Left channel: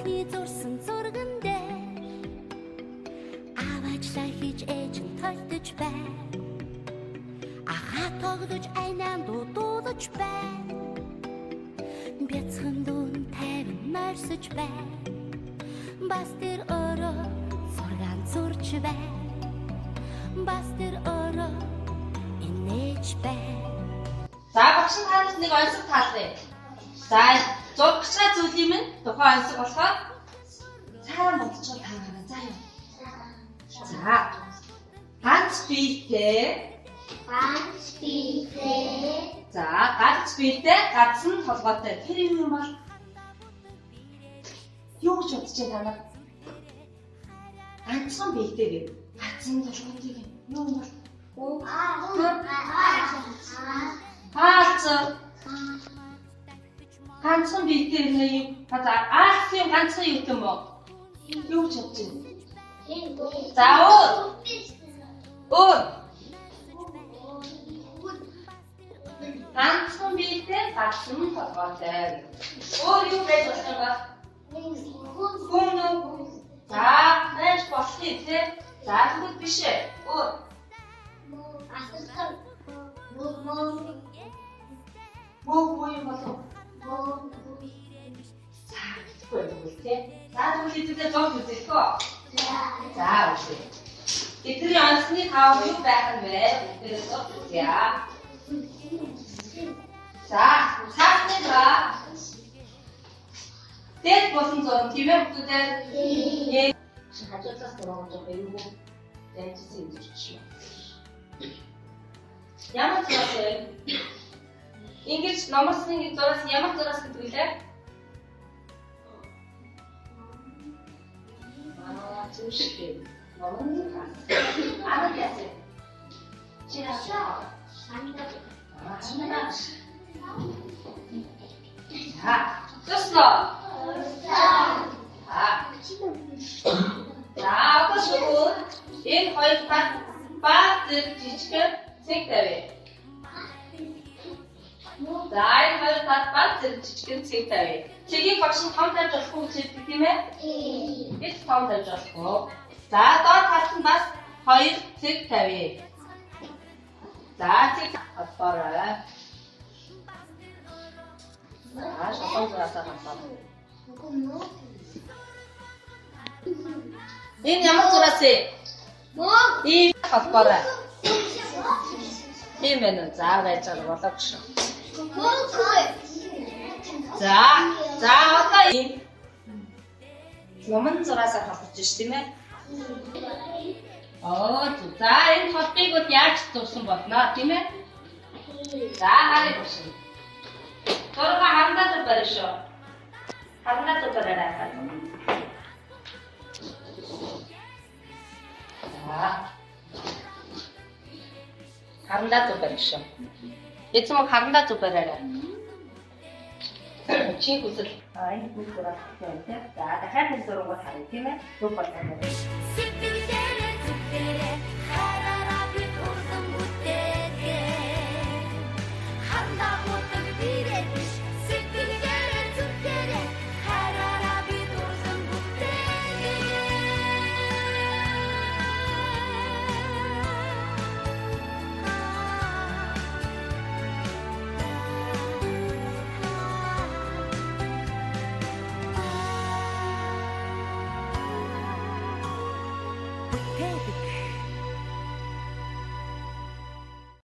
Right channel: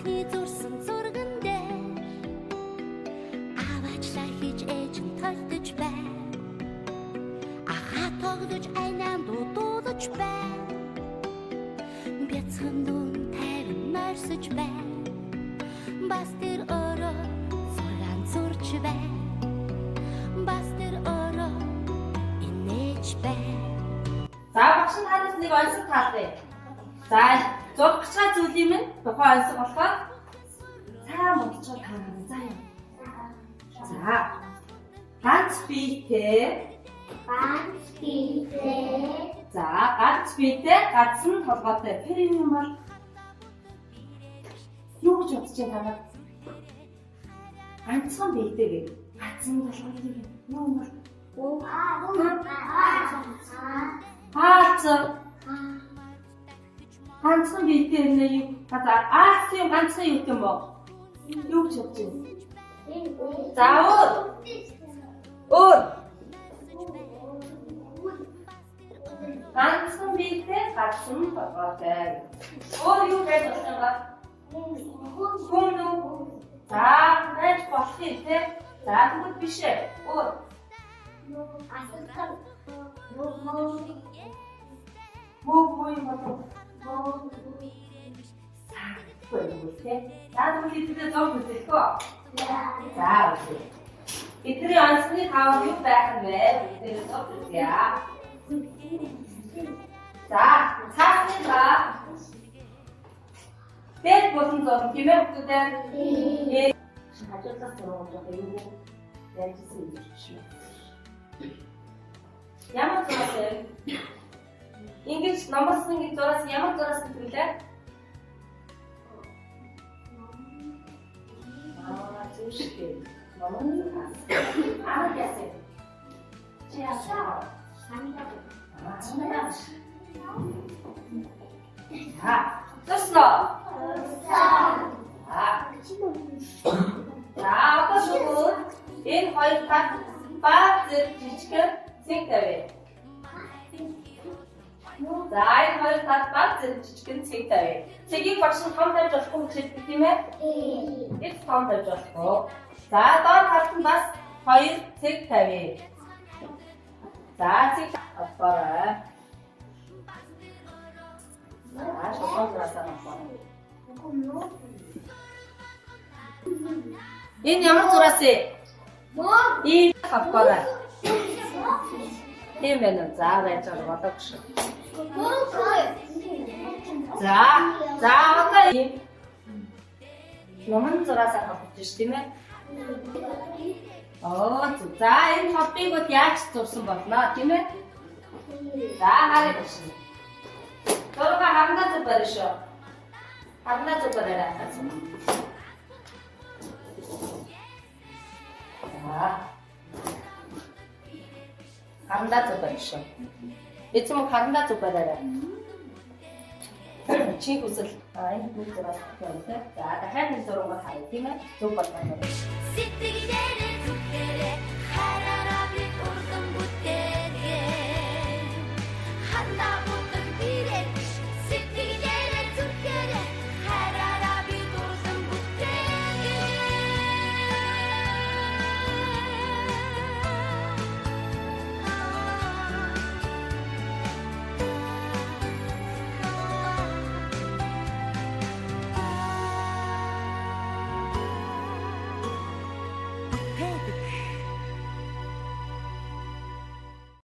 охины зурсан зурган дээр аваачлаа хийж ээж нь толдож байна. Ахаа тогдож айнаан дуудуулж байна. Бяцхан дүн тайван морьсож байна. Бас тэр өөрөө зургаан зурж байна. Бас тэр өөрөө инээж байна. За багш нь танаас нэг онцлог таалаа. За зургах зүйлийн минь тухайн онцлог болохоор цаараа модчоо таараа заа юу. За ганц биетэй. За ганц биетэй гадсан толгойтой. Тэр юм бол юу гэж бодож байна танаа? Ганцхан биетэй гэ. Гадсан толгойтой гэ. Юу юм бол? Ганцхан биетэй нэ юу? Аасын ганцхан юу юм бол? Юу гэж бодож байна? За өөр ганцхан биетэй гадсан толгойтой. Өөр юу гэж бодож байгаа? Хүн. За байж болчих те. За тэгвэл биш ээ. Өөр Муу юм болов. За тэгвэл те. За тэгвэл эдгээр зов үзэхгүй. За үзье. Эдгээр онцны тав юу байх юм бэ? Эдгээр зов үзье. За цаасны ба дэд болон зов тийм ээ бүгдээ. Хажуудлаас зургуулж байгаа юм уу? Янзсан юм чинь. Ямар зураг вэ? Ингэж номерсны зураас ямар зураас гэдэг үлээ? Зүштэй. Номерны хас. Анаа яасан? Чиашаа. Самида. Тосно. За одоо энэ хоёр тал баг жижигхэн цэг тавь. За энэ хоёр тал баг жижигхэн цэг тавь. Цэгийг багш нь том тавьж болохгүй гэдэг тийм ээ? Бид том тавьж болохгүй. За доод талд нь бас хоёр цэг тавь. За цэг аваарай. Аа шоколадасаа аваа. Энэ ямар зураас вэ? Ийм аваарай. Ийм байна уу? За байж байгаа болооч. За одоо ийм номон зураасаа холбож ш тийм ээ? За энэ холбыг бол яаж зурсан болно тийм ээ? За харъя биш. Зурга харандаа зүг барь шүү. Харандаа зүг барьаа гэсэн. За харандаа зүг барь шүү. Эцэг харандаа зүг барьаа. Чи хүсэл энэ бүх зураг байна тийм. За дахиад нэг зураг харъя тийм ээ? Зүг байна. Сэтгэлээрээ зүгээрээ хараараа би урдан бүтээгээ. Хандаа утаг бирээ биш. Сэтгэлээрээ зүгээрээ хараараа би урдан бүтээгээ.